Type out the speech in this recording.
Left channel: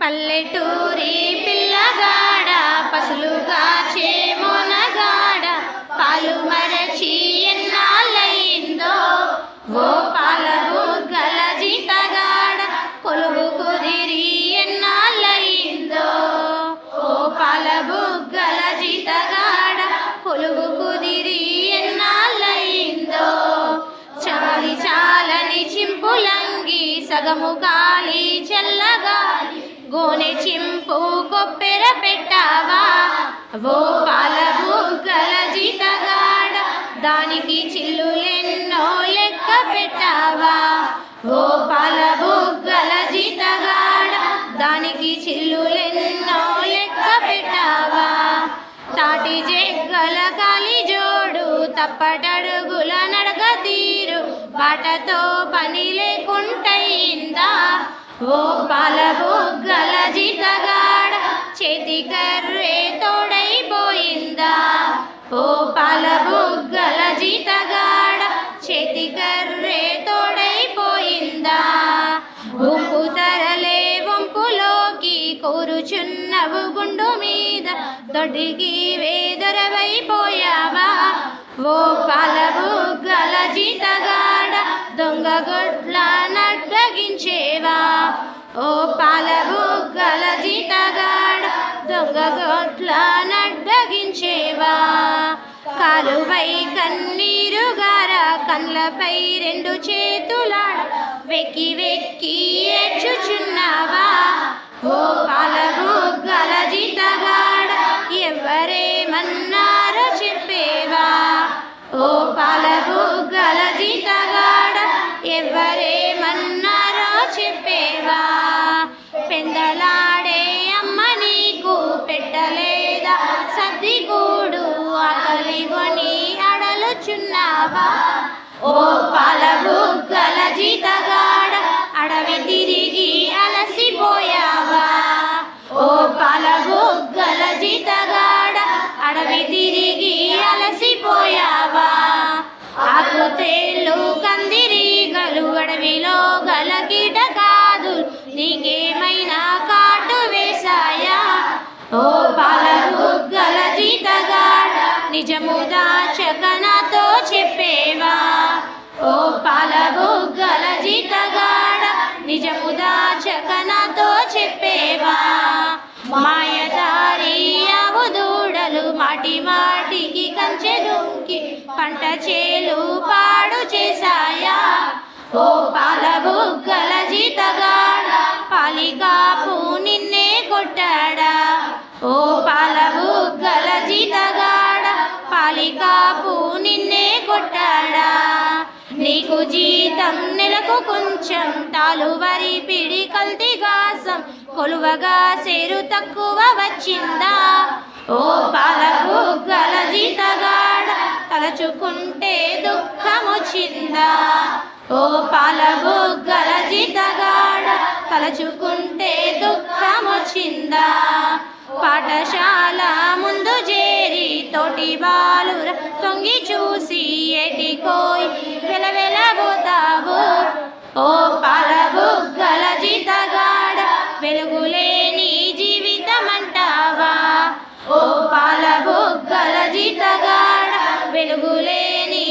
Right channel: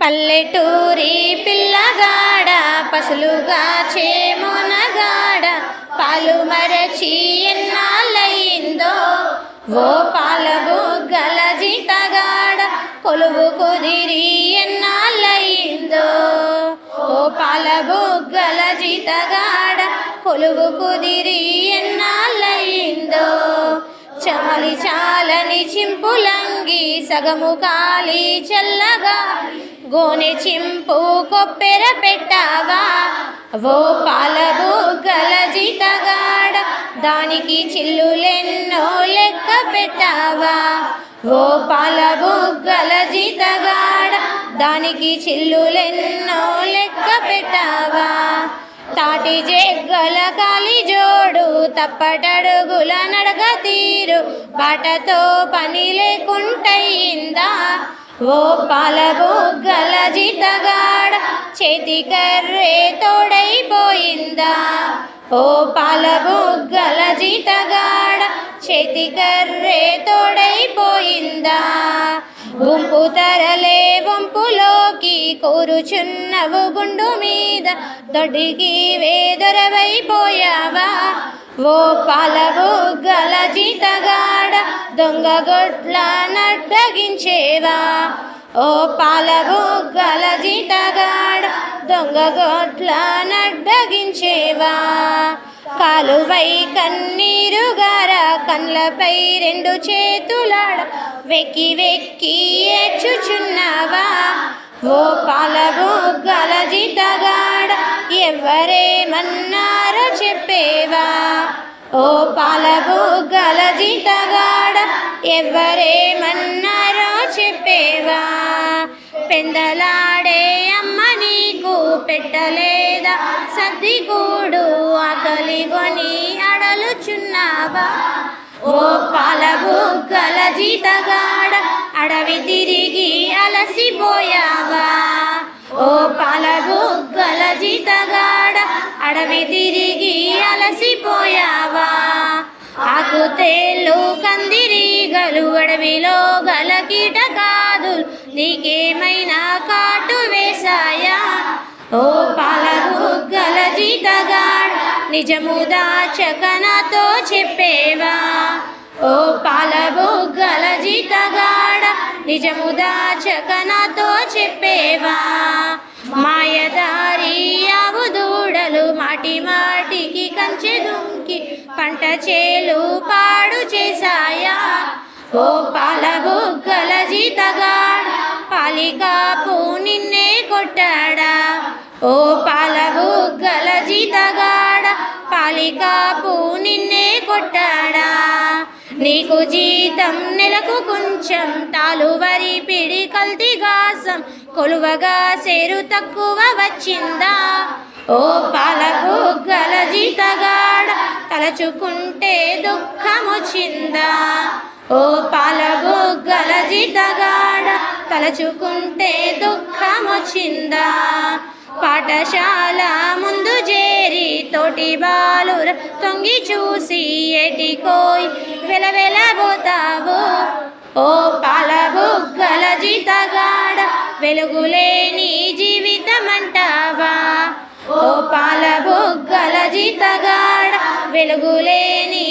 పల్లెటూరి పిల్లగాడ పసులుగా చేమోనగాడ పాలు మరచి ఎన్నాళ్ళయిందో? ఓ పాలగు గల జీతగాడ కొలువు కుదిరి ఎన్నాళ్ళయిందో? ఓ పాలగు గల జీతగాడ కొలువు కుదిరి ఎన్నాళ్ళయిందో? చమలి చాలని చింపులంగి సగము కాలి చల్లగా గోని చింపు కొప్పెర పెట్టావా? ఓ పాల బుగ్గల జీతగాడ దానికి చిల్లులెన్నో లెక్క పెట్టావా? ఓ పాల బుగ్గల జీతగాడ దానికి చిల్లులెన్నో లెక్క పెట్టావా? తాటి జెగ్గల కాలి జోడు తప్పటడుగుల నడక తీరు బాటతో పని లేకుంటయిందా ఓ పాల బుగ్గల జీతగాడ చేతి కర్రే తోడైపోయిందా ఓ పాల బుగ్గల జీతగాడ చేతి కర్రే తోడైపోయిందా గుంపు తరలే వంపులోకి కూరుచున్నవు గుండు మీద దొడ్డికి వేదరవైపోయావా ఓ పాల బుగ్గల జీతగాడ దొంగ గొడ్ల నడ్డగించేవా? ఓ పాలబుగ్గల జీతగాడ దొంగ గొడ్ల నడ్డగించేవా? కాలువై కన్నీరు గార కళ్ళపై రెండు చేతులాడ వెక్కి వెక్కి ఏడ్చుచున్నావా? ఓ పాలబుగ్గల జీతగాడ ఎవరేమన్నారో చెప్పేవా? ఓ పాల జీ ఎవరేమన్నారో చెప్పేవా? పెందలాడే అమ్మ నీకు పెట్టలేదా? సర్దిగూడు ఆకలి కొని అడలుచున్నావా? ఓ పాల బుగ్గల జీతగాడ అడవి తిరిగి అలసిపోయావా? ఓ పాల బుగ్గల జీతగాడ అడవి తిరిగి అలసిపోయావా? ఆకు తేళ్ళు కందిరి అడవిలో గల కీటకాదు నీకేమైనా కాటు వేశాయా? ఓ పాలకు గల జీతగాడ నిజము దాచకనతో చెప్పేవా? ఓ పాల గల జీతగాడ నిజము దాచకనతో చెప్పేవా? మాయదారి అవు దూడలు మాటి మాటికి కంచె దుంకి పంట చేలు పాడు చేశాయా? ఓ పాల బుగ్గల జీతగాడ పాలికాపు నిన్నే కొట్టాడా? ఓ పాల బుగ్గల జీతగాడ పాలికాపు నిన్నే కొట్టాడా? నీకు జీతం నెలకు కొంచెం తాలువరి పిడి కల్తీ గాసం కొలువగా సేరు తక్కువ వచ్చిందా? ఓ పాల బుగ్గల జీతగాడ తలచుకుంటే దుఃఖం వచ్చిందా ఓ పాల జితగాడ తలచుకుంటే దుఃఖమొచ్చిందా? పాఠశాల ముందు చేరి తోటి బాలుర తొంగి చూసి ఎటికోయ్ వెలవెలబోతావు ఓ పాల జితగాడ వెలుగులేని జీవితమంటావా? ఓ పాల జితగాడ వెలుగులేని